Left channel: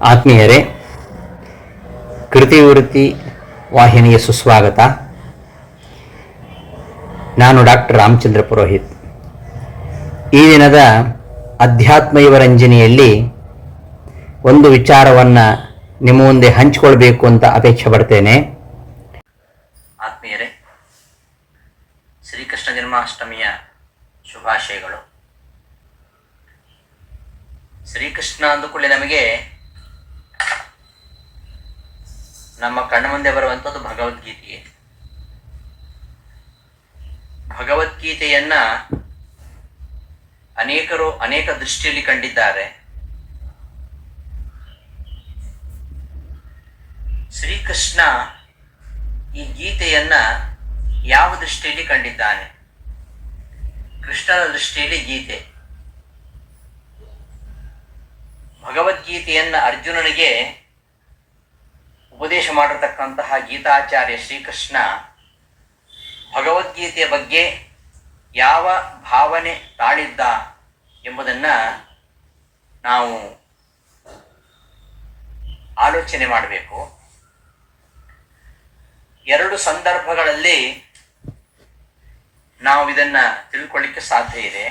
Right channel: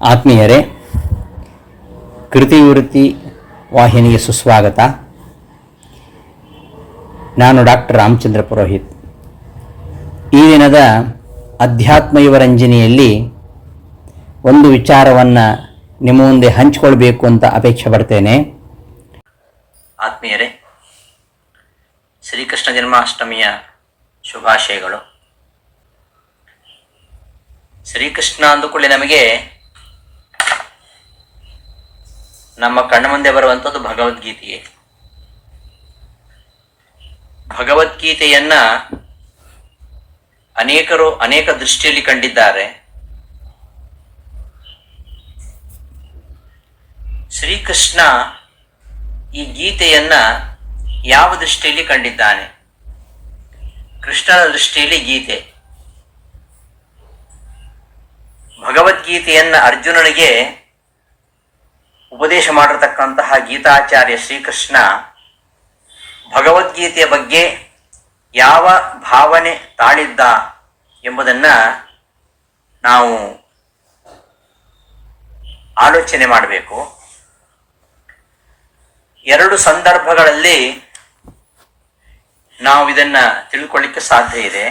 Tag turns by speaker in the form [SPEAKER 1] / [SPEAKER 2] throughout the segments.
[SPEAKER 1] ಆತ್ಮೀಯರೇ ಕೃತಿವೃತ್ತಿ ವಾಹಿನಿಗೆ ಸುಸ್ವಾಗತ. ನಾನು ಡಾಕ್ಟರ್ ರಾಮಚಂದ್ರ ಪುರೋಹಿತ್. ಈ ದಿನದ ಅಧ್ಯಾತ್ಮ ಯುವರಂಜನಿಯಲ್ಲಿ ಒಂದು ವಿಚಾರವನ್ನು ನಿಮ್ಮ ಮುಂದೆ ಹಂಚಿಕೊಳ್ಬೇಕು ಅಂತ ಅಪೇಕ್ಷೆ ಪಡ್ತೇನೆ. ಆತ್ಮೀಯರೇ, ಶ್ರೀಕೃಷ್ಣ ಜನ್ಮಾಷ್ಟಮಿಯ ಶುಭಾಶಯಗಳು. ಶ್ರೀಕೃಷ್ಣ ಅಂದುಕೊಳ್ಳಿ ನಮಗೆ ನಮ್ಮ ಕಣ್ಣ ಮುಂದೆ ಬರುವಂಥದ್ದು ಭಗವದ್ಗೀತೆಯೇ. ಭಗವದ್ಗೀತೆಯನ್ನ ಅನೇಕರು ಅನೇಕ ದೃಷ್ಟಿಯಲ್ಲಿ ಕಂಡಿದ್ದಾರೆ. ಶ್ರೀಕೃಷ್ಣ ಈ ಗೀತೆಯನ್ನ ಯಾವ ದೃಷ್ಟಿಯಲ್ಲಿ ಕಂಡಿದ್ದಾನೆ? ಕೃಷ್ಣನ ದೃಷ್ಟಿಯಲ್ಲಿ ಗೀತೆ. ಭಗವದ್ಗೀತೆಯನ್ನ ಅರ್ಜುನನಿಗೆ ಉಪದೇಶ ಮಾಡಿರ್ತಕ್ಕಂತಹ ಗೀತಾಚಾರ್ಯ ಶ್ರೀಕೃಷ್ಣ ಭಗವದ್ಗೀತೆಯ ಬಗ್ಗೆ ಯಾವ ಭಾವನೆ ತಾಳಿದ್ದ ಎಂಬುದನ್ನ ನಾವು ಆಲೋಚನೆ ಮಾಡಬೇಕು. ಎರಡು ಸಂದರ್ಭಗಳಲ್ಲಿ ನಾವು ಇದನ್ನ ತಿಳ್ಕೊಳ್ಳಿಕ್ಕೆ ಸಾಧ್ಯ ಇದೆ.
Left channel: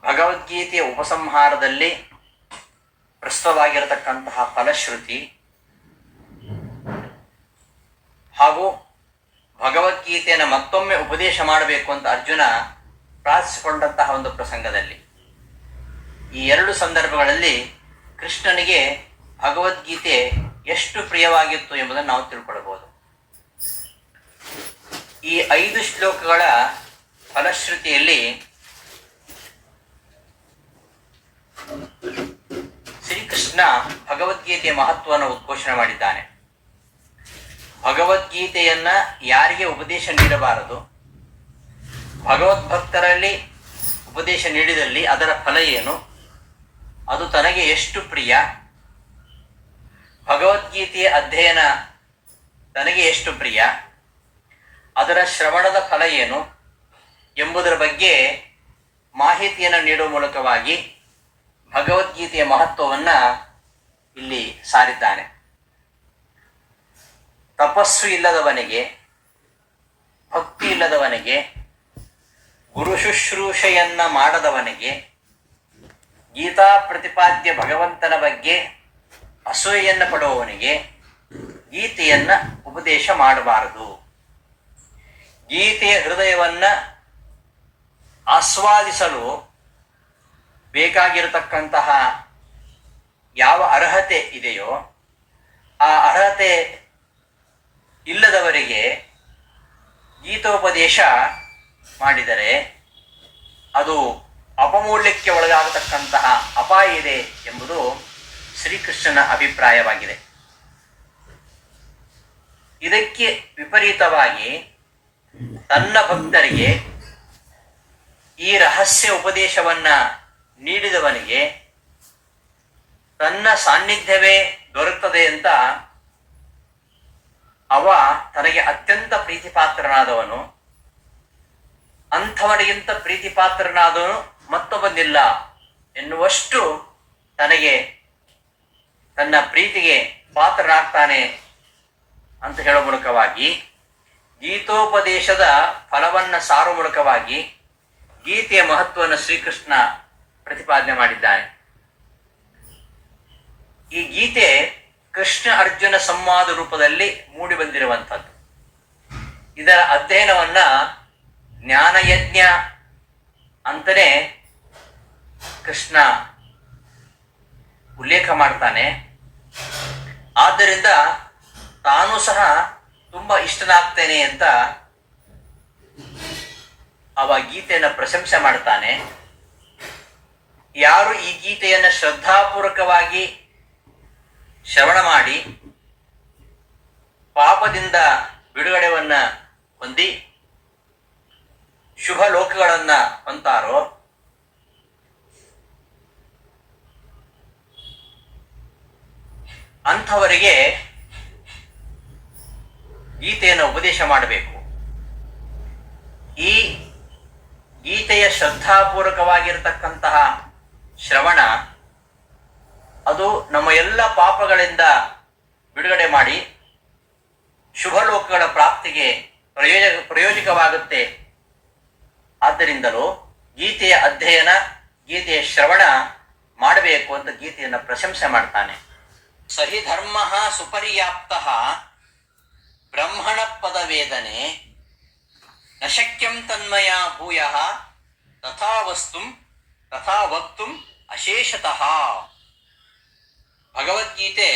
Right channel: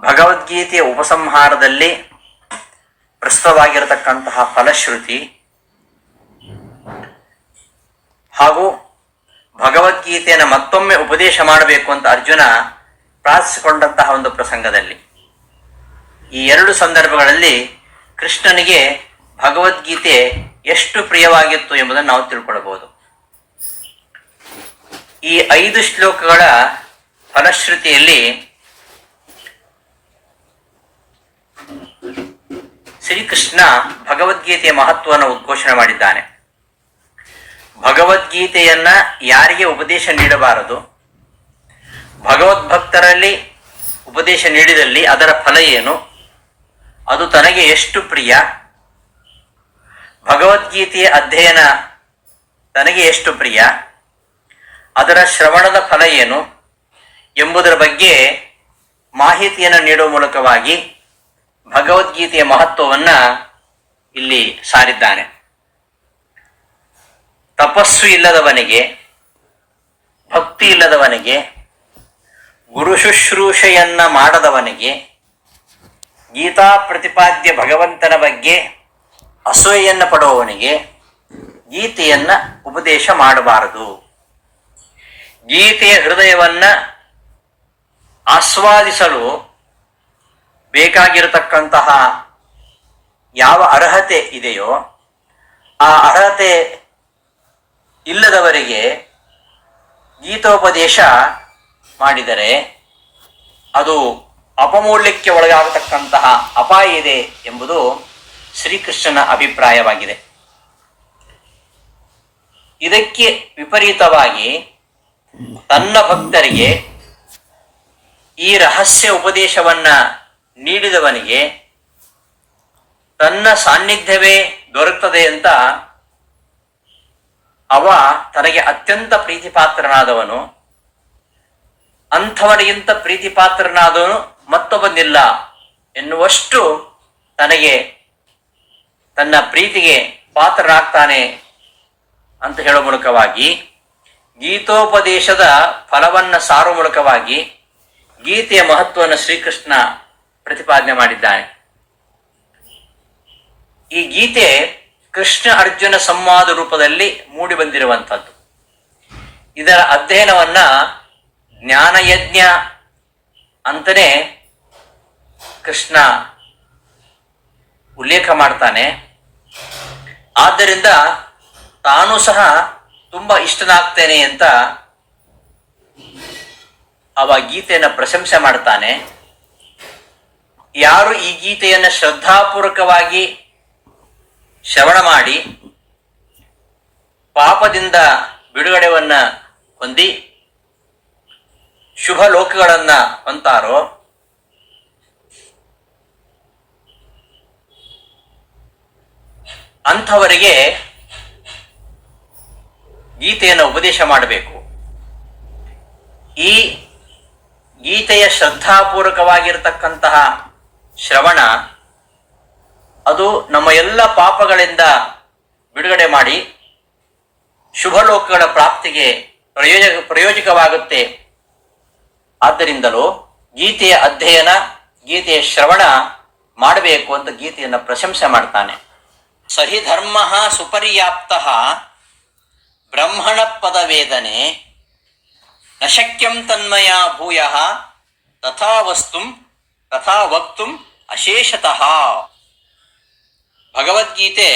[SPEAKER 1] ಭಗವದ್ಗೀತೆಯ ಉಪಸಂಹಾರದಲ್ಲಿ ಪ್ರಸ್ತುತವಾಗಿರತಕ್ಕಂತಹ ಫಲಶ್ರುತಿ ಹಾಗೂ ಭಗವದ್ಗೀತೆಯನ್ನು ಮತ್ತೊಮ್ಮೆ ಉಪದೇಶ ಮಾಡಬೇಕು ಅಂತ ಅರ್ಜುನ ಪ್ರಾರ್ಥಿಸಿಕೊಂಡಂತಹ ಒಂದು ಪ್ರಸಂಗದಲ್ಲಿ. ಈ ಎರಡು ಸಂದರ್ಭಗಳಲ್ಲಿ ಕೃಷ್ಣನಿಗೆ ಭಗವದ್ಗೀತೆ ಎಷ್ಟು ಪ್ರಿಯವಾಗಿತ್ತು ಎಂಬುದನ್ನು ನಾವು ತಿಳ್ಕೊಳ್ಬಹುದು ಈ ಐದು ಶ್ಲೋಕಗಳ ಫಲಶ್ರುತಿಯಲ್ಲಿ ಶ್ರೀಕೃಷ್ಣ ಭಗವದ್ಗೀತೆಯ ಮಹತ್ವವನ್ನು ಉದ್ಘೋಷಣೆ ಮಾಡಿದ್ದಾನೆ. ಭಗವದ್ಗೀತೆಯನ್ನ ಯಾರಿಗೆ ಉಪದೇಶ ನೀಡಬಾರದು? ಭಗವದ್ಭಕ್ತರಲ್ಲಿ ಉಪದೇಶ ನೀಡಿದಲ್ಲಿ ಅದರ ಫಲ ಏನು? ಅದು ತನಗೆ ಎಷ್ಟು ಪ್ರಿಯ? ಭಗವದ್ಗೀತೆಯ ಅಧ್ಯಯನ ತನಗೆ ಎಷ್ಟು ಪ್ರಿಯ? ಅದರ ಶ್ರವಣದ ಫಲ ಏನು? ಎಂಬುದರ ಬಗ್ಗೆ ಮಾಹಿತಿಯನ್ನು ನೀಡುವ ಮೂಲಕವಾಗಿ ಭಗವದ್ಗೀತೆಯ ಮಹತ್ವವನ್ನು ಇಲ್ಲಿ ಸಾರಿದ್ದಾನೆ. ತಪಸ್ಸು ಇಲ್ಲದವನಿಗೆ, ಭಕ್ತಿ ಇಲ್ಲದವನಿಗೆ, ಗುರು ಶುಶ್ರೂಷೆಯನ್ನ ಮಾಡದವನಿಗೆ, ಗೀತಾ ಪ್ರತಿಪಾದ್ಯ ಭಗವಂತನ ಬಗ್ಗೆ ಅಸೂಯೆಯನ್ನು ಪಡುವವನಿಗೆ ಗೀತೆಯನ್ನ ಉಪದೇಶ ಮಾಡಬಾರದು. ಗೀತೆಯ ಹೃದಯವನ್ನ ಆಸ್ವಾದಿಸಲು ಬೇಕಾಗಿರತಕ್ಕಂತಹ ಯಾವ ಅರ್ಹತೆ ಇದೆಯೋ, ಆ ಅರ್ಹತೆ ಇಲ್ಲದವರಿಗೆ ಗೀತೋಪದೇಶ ಮಾಡಿದರೆ ಅದು ಅಪಮೌಲ್ಯಕ್ಕೆ ಒಳಗಾಗತಕ್ಕಂತಹ ಅಪಾಯ ಇದೆ ಎಂಬುದು ಶ್ರೀಕೃಷ್ಣನ ಅಭಿಪ್ರಾಯವಾಗಿದೆ. ಇದಕ್ಕೆ ವಿಪರೀತವಾಗಿ ತನ್ನ ಭಕ್ತರಿಗೆ ಈ ರಹಸ್ಯ ಉಪದೇಶವನ್ನ ನೀಡಿದವನಿಗೆ ತನ್ನ ಸಾನ್ನಿಧ್ಯವೇ ದೊರಕುತ್ತದೆ ಅಂತ ಅವ ತನಗೆ ಅತ್ಯಂತ ಪ್ರೀತಿ ಪ್ರೀತಿಪಾತ್ರನಾದವನು ಮತ್ತೊಬ್ಬನಿಲ್ಲ ಎನ್ನುವಷ್ಟು ತನಗೆ ತನ್ನ ಪ್ರೀತಿಗೆ ಪಾತ್ರರಾಗ್ತಾನೆ ಅಂತ ಹೇಳುವ ಮೂಲಕವಾಗಿ ಗೀತೋಪದೇಶದ ಫಲವನ್ನ ಸಾರುವ ಮೂಲಕವಾಗಿ ಗೀತೆಯ ಮಹತ್ವವನ್ನು ಶ್ರೀಕೃಷ್ಣ ಪ್ರತಿಪಾದನೆ ಮಾಡಿದ್ದಾನೆ. ಈ ಗೀತೆ ಕೃಷ್ಣ ಅರ್ಜುನ ಸಂವಾದ ರೂಪದಲ್ಲಿ ಮೂಡಿ ಬಂದಿರುವಂಥದ್ದು. ಇದರ ಅಧ್ಯಯನವನ್ನ ಜ್ಞಾನಯಜ್ಞ ಅಂತಲೇ ಕೃಷ್ಣ ಉಲ್ಲೇಖ ಮಾಡ್ತಾನೆ. ಆದ್ದರಿಂದ ತಾನು ಸಹ ತುಂಬಾ ಇಷ್ಟನಾಗ್ತೇನೆ ಅಂತ ಅವ ಗೀತೆಯನ್ನು ಪ್ರಶಂಸೆ ಮಾಡ್ತಾನೆ. ಯಾರು ಈ ಗೀತೆಯನ್ನು ಶ್ರದ್ಧಾಪೂರ್ವಕವಾಗಿ ಶ್ರವಣ ಮಾಡಿ ಪಾಪದಿಂದ ಬಿಡುಗಡೆವನ್ನ ಹೊಂದಿ ಶುಭ ಲೋಕಗಳನ್ನ ಹೊಂತಾರೋ ಅಂಥವರಿಗೆ ಗೀತೆಯನ್ನು ಉಪದೇಶ ಮಾಡಬೇಕು. ಈ ಗೀತೆಯ ಶ್ರದ್ಧಾಪೂರ್ವಕವಾಗಿರತಕ್ಕಂತಹ ಶ್ರವಣ ಅದು ನಮ್ಮ ಎಲ್ಲ ಪಾಪಗಳಿಂದ ಬಿಡುಗಡೆ ಮಾಡಿ ಶುಭ ಲೋಕಗಳ ಪ್ರಾಪ್ತಿಗೆ ಪ್ರಯೋಜ, ಪ್ರಯೋಜಕವಾಗುತ್ತೆ. ಆದ್ದರಿಂದಲೂ ಗೀತೆಯ ಅಧ್ಯಯನ, ಗೀತೆಯ ಶ್ರವಣ ಮಾಡಬೇಕು ಅಂತ ಗೀತೆಯನ್ನು ಪ್ರಶಂಸೆ ಮಾಡ್ತಾನೆ. ಸಹಿ ಧರ್ಮ ಸುಪರ್ಯಾಪ್ತ ಬ್ರಹ್ಮಣ ಪದವೇದನೆ ನ ಶಕ್ಯಂ ತನ್ಮಯ ಭೂಯ ತಥಾ ವಸ್ತು ತಥಾ ವಕ್ತು ಅಶೇಷತಃ. ಭಗವದ್ಗೀತೆ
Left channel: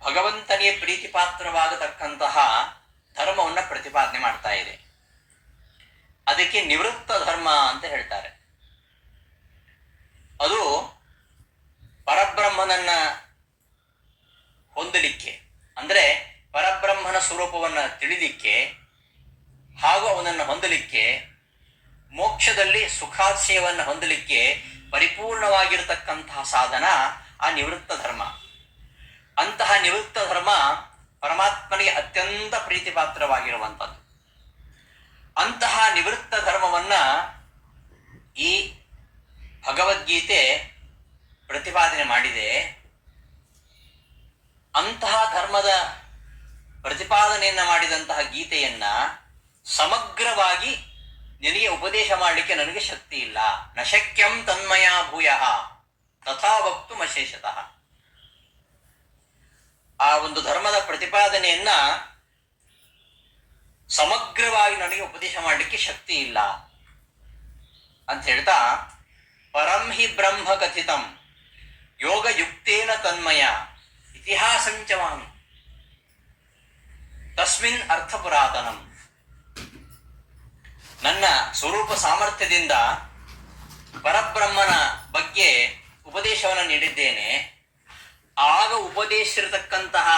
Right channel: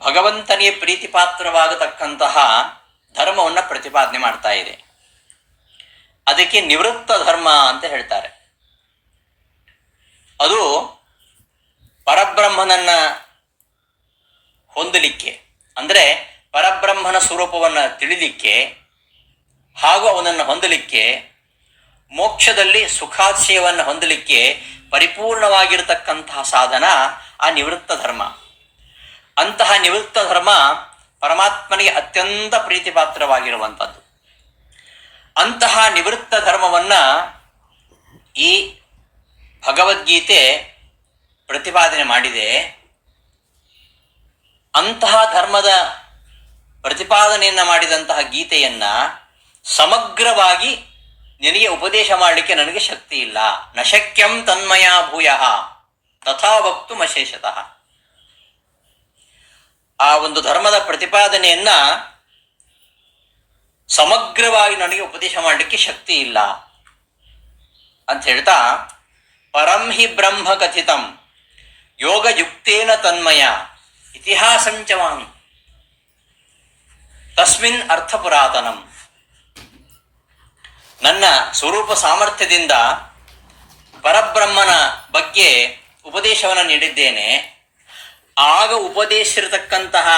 [SPEAKER 1] ಭಗವಂತನಿಗೆ ಪ್ರೀತಿಪಾತ್ರವಾಗತಕ್ಕಂತಹ ಧರ್ಮವನ್ನು ಪ್ರತಿಪಾದನೆ ಮಾಡ್ತಾ ಇದೆ. ಅದಕ್ಕೆ ನಿವೃತ್ತ ಧರ್ಮ ಅಂತ ಹೇಳ್ತಾರೆ. ಅದು ಪರಬ್ರಹ್ಮನನ್ನ ಹೊಂದಲಿಕ್ಕೆ, ಅಂದರೆ ಪರಬ್ರಹ್ಮನ ಸ್ವರೂಪವನ್ನು ತಿಳಿಲಿಕ್ಕೆ ಹಾಗೂ ಅವನನ್ನು ಹೊಂದಲಿಕ್ಕೆ, ಮೋಕ್ಷದಲ್ಲಿ ಸುಖಾಶಯವನ್ನು ಹೊಂದಲಿಕ್ಕೆ ಪರಿಪೂರ್ಣವಾಗಿರತಕ್ಕಂತಹ ಸಾಧನ ಆ ನಿವೃತ್ತ ಧರ್ಮ. ಅಂತಹ ನಿವೃತ್ತ ಧರ್ಮ ಪರಮಾತ್ಮನಿಗೆ ಅತ್ಯಂತ ಪ್ರೀತಿಪಾತ್ರವಾಗಿರುವಂಥದ್ದು. ಅಂತಹ ನಿವೃತ್ತ ಧರ್ಮವನ್ನ ಈ ಭಗವದ್ಗೀತೆ ಪ್ರತಿಪಾದನೆ ಮಾಡಿದೆ. ಅಂತಹ ಧರ್ಮದ ಪ್ರತಿಪಾದನೆಯನ್ನು ಮಾಡಿದಂತಹ ಗೀತೆಯನ್ನು ಸಮಗ್ರವಾಗಿ ನಿನಗೆ ಉಪದೇಶ ಮಾಡಲಿಕ್ಕೆ ನನಗೆ ಶಕ್ತಿ ಇಲ್ಲ. ನಶಕ್ಯಂ ತನ್ಮಯ ಭೂಯ. ತಥಾ ವಕ್ತು ಅಶೇಷತಃ ಆ ಒಂದು ಧರ್ಮದ ಪ್ರತಿಪಾದನೆಯನ್ನ ಸಮಗ್ರವಾಗಿ ನನಗೆ ಉಪದೇಶ ಮಾಡಲಿಕ್ಕೆ ಶಕ್ತಿ ಇಲ್ಲ. ಅಂತ ಹೇಳ್ತಾ, ಪರಂ ಹಿ ಬ್ರಹ್ಮ ಕಥಿತಂ. ಯೋಗಯುಕ್ತೇನ ತನ್ಮಯ. ಇತಿಹಾಸಂಚವಾಮಿ ತಸ್ಮಿನ್ ಅರ್ಥ ಪುರಾತನಂ. ನನ್ನ ಸ್ವರೂಪ ಸಾಮರ್ಥ್ಯದಿಂದ ಪರಬ್ರಹ್ಮನ ಬಗ್ಗೆ ಉಪದೇಶವನ್ನು ನೀಡಿದ್ದೇನೆ. ಆಗ ಉಪದೇಶಿರತಕ್ಕಂತಹ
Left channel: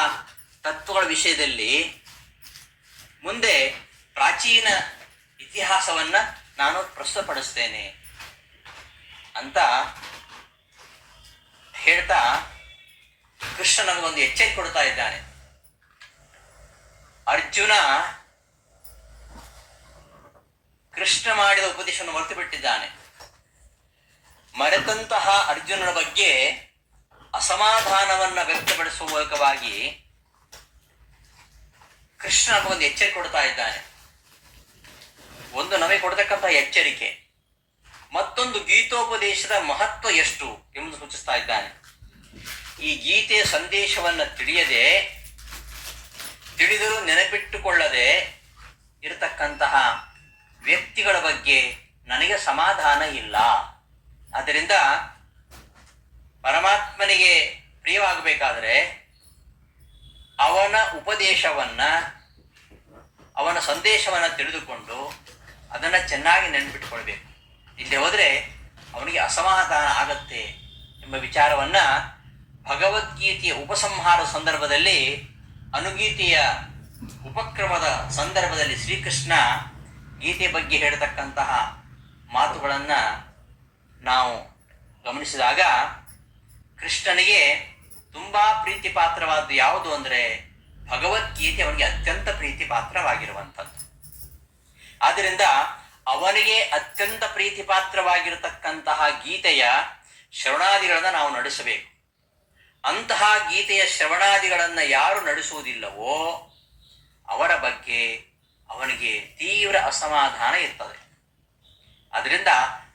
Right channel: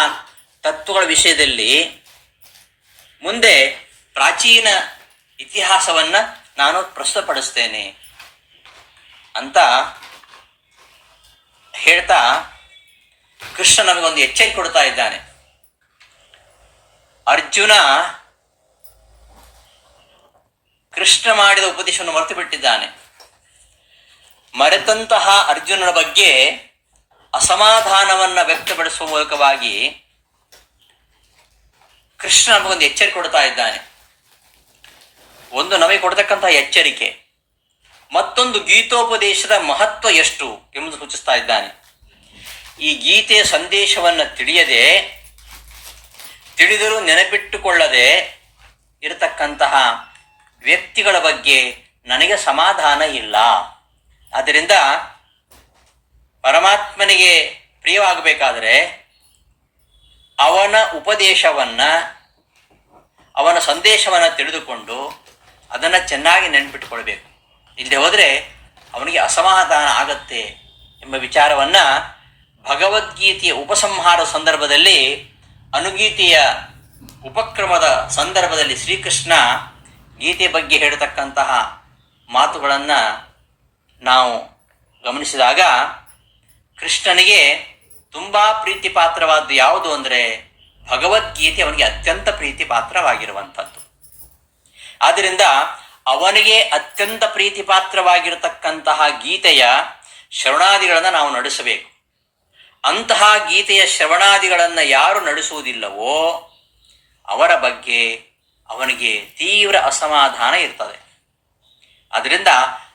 [SPEAKER 1] ತತ್ವಗಳ ವಿಷಯದಲ್ಲಿ ಮುಂದೆ ಪ್ರಾಚೀನ ಇತಿಹಾಸವನ್ನು ನಾನು ಪ್ರಸ್ತುತಪಡಿಸ್ತೇನೆ ಅಂತ ಹೇಳ್ತಾ ಕೃಷ್ಣ ನಮಗೊಂದು ಎಚ್ಚರಿಕೆ ಕೊಡ್ತಾ ಇದ್ದಾನೆ. ಅರ್ಜುನ ಕೃಷ್ಣ ಮಾಡಿದ ಉಪದೇಶವನ್ನು ಮರೆತು ಬಿಟ್ಟಿದ್ದಾನೆ ಮರೆತಂತಹ ಅರ್ಜುನನ ಬಗ್ಗೆ ಅಸಮಾಧಾನವನ್ನು ವ್ಯಕ್ತಪಡಿಸುವ ಮೂಲಕವಾಗಿ ಕೃಷ್ಣ ಒಂದು ಎಚ್ಚರಿಕೆ ಕೊಡ್ತಾ ಇದ್ದಾನೆ. ಒಂದು ನಮಗೆ ಕೊಡ್ತಕ್ಕಂತಹ ಎಚ್ಚರಿಕೆ, ಮತ್ತೊಂದು ಗೀತೋಪದೇಶದ ಮಹತ್ವ ಎಷ್ಟು ಎಂಬುದು ಸೂಚಿಸ್ತಾ ಇದ್ದಾನೆ. ಈ ಗೀತೆಯ ಸಂದೇಶವನ್ನು ತಿಳಿಯದೆ, ತಿಳಿದರೂ ನೆನಪಿಟ್ಟುಕೊಳ್ಳದೆ ಇರತಕ್ಕಂತಹ ವ್ಯಕ್ತಿಗಳ ಬಗ್ಗೆ ನನಗೆ ಸಮಾಧಾನ ಇಲ್ಲ. ಆದ್ದರಿಂದ ಪರಮಾತ್ಮನಿಗೆ ಪ್ರಿಯವಾಗಬೇಕಾದರೆ ಅವನ ಉಪದೇಶವನ್ನ, ಅವನ ಸಂದೇಶವನ್ನು ತಿಳಿದುಕೊಂಡು ಅದನ್ನು ಚೆನ್ನಾಗಿ ನೆನ್ಪಿಟ್ಕೊಳ್ಬೇಕು. ಇಲ್ಲದೆ ಹೋದರೆ ಅವನಿಗೆ ಅಸಮಾಧಾನ ಆಗತ್ತೆ ಎಂಬ ವಿಚಾರವನ್ನು ಭಗವದ್ಗೀತೆಯ ಉಪಸಂಹಾರ ಸಂದರ್ಭದಲ್ಲಿ, ಅನುಗೀತೆಯ ಉಪಕ್ರಮದ ಸಂದರ್ಭದಲ್ಲಿ ಶ್ರೀಕೃಷ್ಣ ಗೀತೆ ಬಗ್ಗೆ ಹೇಳತಕ್ಕಂತಹ ಮಾತುಗಳನ್ನು ನಾವು ಗಮನಿಸಿದಾಗ ಕೃಷ್ಣನಿಗೆ ತುಂಬ ಪ್ರೀತಿ ಪಾತ್ರವಾದ್ದು ಯಾವುದು ಅಂದರೆ ಭಗವದ್ಗೀತೆ ಅವನಿಗೆ ಅತ್ಯಂತ ಪ್ರೀತಿ ಪಾತ್ರವಾಗಿರುವಂಥದ್ದು. ಆದ್ದರಿಂದ ಅವನಿಗೆ ಅತ್ಯಂತ ಪ್ರೀತಿ ಪಾತ್ರವಾಗಿರತಕ್ಕಂತಹ ಗೀತೆಯ ಶ್ರವಣಾದಿಗಳನ್ನು ನಾವು ನಡೆಸಬೇಕು. ಅಂತಹ ಗೀತೆಯ ಶ್ರವಣಾದಿಗಳನ್ನು ಯಾರು ನಡೆಸುವುದಿಲ್ಲವೋ ಅವರ ಬಗ್ಗೆ ಅವನಿಗೆ ತೀವ್ರ ಅಸಮಾಧಾನ ಇರ್ತದೆ. ಅದರಿಂದ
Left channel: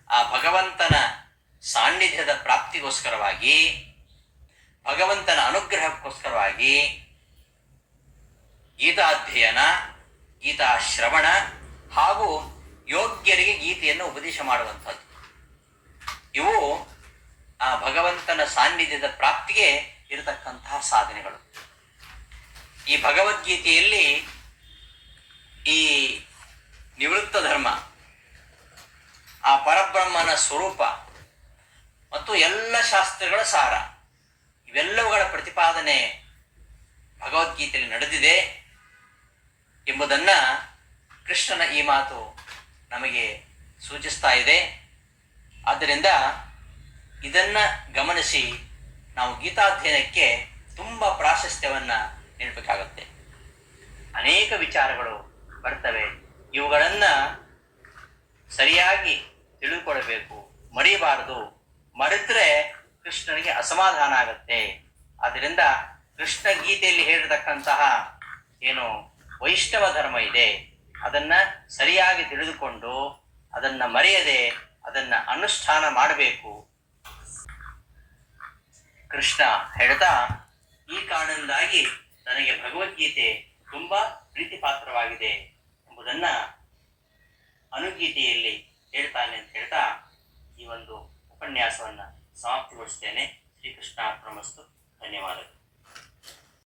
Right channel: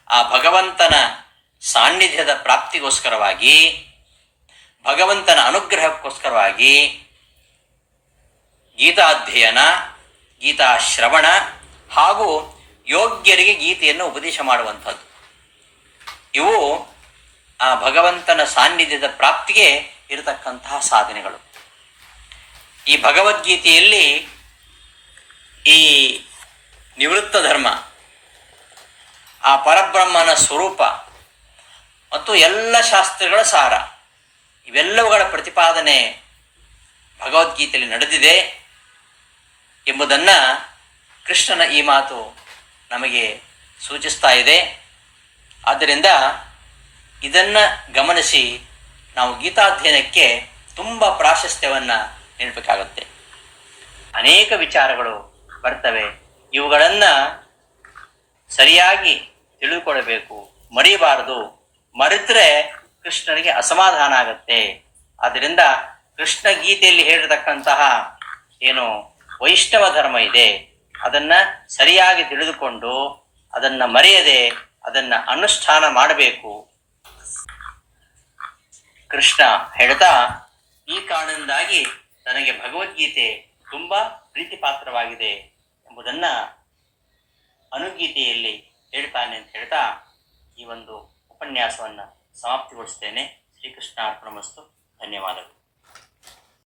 [SPEAKER 1] ಆ ಭಗವಂತನ ಸಾನ್ನಿಧ್ಯದ ಪ್ರಾಪ್ತಿಗೋಸ್ಕರವಾಗಿ, ಭಗವಂತನ ಅನುಗ್ರಹಕ್ಕೋಸ್ಕರವಾಗಿ ಗೀತಾಧ್ಯಯನ ಗೀತಾ ಶ್ರವಣ ಹಾಗೂ ಯೋಗ್ಯರಿಗೆ ಗೀತೆಯನ್ನು ಉಪದೇಶ ಮಾಡುವಂಥದ್ದು. ಇವು ಆ ಭಗವಂತನ ಸಾನ್ನಿಧ್ಯದ ಪ್ರಾಪ್ತಿಗೆ ಇರತಕ್ಕಂತಹ ಸಾಧನೆಗಳು. ಈ ಭಗವದ್ಗೀತೆಯಲ್ಲಿ ಈ ನಿವೃತ್ತ ಧರ್ಮ, ಆ ಪರಬ್ರಹ್ಮನ ಸ್ವರೂಪ ಮತ್ತು ಎಲ್ಲ ಶಾಸ್ತ್ರಗಳ ಸಾರ, ಇವೆಲ್ಲವುಗಳ ಪ್ರತಿಪಾದನೆ ಭಗವದ್ಗೀತೆಯಲ್ಲಿ ನಡೆದಿದೆ ಎಂಬುದನ್ನು ಕೃಷ್ಣನ ಈ ಮಾತು ನಮಗೆ ಸೂಚಿಸ್ತಾ ಇದೆ. ಆದ್ದರಿಂದ ಇದನ್ನು ಗಮನಿಸಿ ನಾವು ಗೀತಾಧ್ಯಯನಕ್ಕೆ ತುಂಬ ಪ್ರಾಶಸ್ತ್ಯವನ್ನು ನೀಡಬೇಕಾಗುತ್ತೆ. ಅನೇಕ ವಿಚಾರಗಳು ಬರ್ತವೆ. ಇವುಗಳನ್ನ ಸರಿಯಾಗಿ ತಿಳಿದುಕೊಳ್ಳಬೇಕು ಮರಿಬಾರದು. ಮರೆತರೆ ಕೃಷ್ಣನಿಗೆ ಅಸಮಾಧಾನ ಆಗತ್ತೆ. ಆದ್ದರಿಂದ ಕೃಷ್ಣ ಗೀತೆಯಲ್ಲಿ ಹೇಳಿರತಕ್ಕಂತಹ ಏನು ವೈಷ್ಣವ ಧರ್ಮ ಇದೆ. ಅದನ್ನ ಸರಿಯಾಗಿ ತಿಳಿದುಕೊಂಡು ಅದನ್ನ ಮರೆಯದೆ ಅದನ್ನ ಅನುಷ್ಠಾನ ಮಾಡಬೇಕು. ಕೃಷ್ಣ ಹೇಳ್ತಾ, ಈ ಕಾರಣದಿಂದಾಗಿ ನನಗೆ ಭಗವದ್ಗೀತೆ ತುಂಬಾ ಪ್ರೀತಿ ಪಾತ್ರವಾಗಿದೆ ಎಂಬುದನ್ನ ಅನುಗೀತೆಯಲ್ಲಿ ಹೇಳ್ತಾನೆ ಅಂತ ಹೇಳ್ತಾ ಈ ಒಂದು ಉಪನ್ಯಾಸವನ್ನ ಸಮಾಪ್ತಿಗೊಳಿಸ್ತೇನೆ. ಶ್ರೀಕೃಷ್ಣ ಅರ್ಪಣಮಸ್ತು ಧನ್ಯವಾದಗಳು.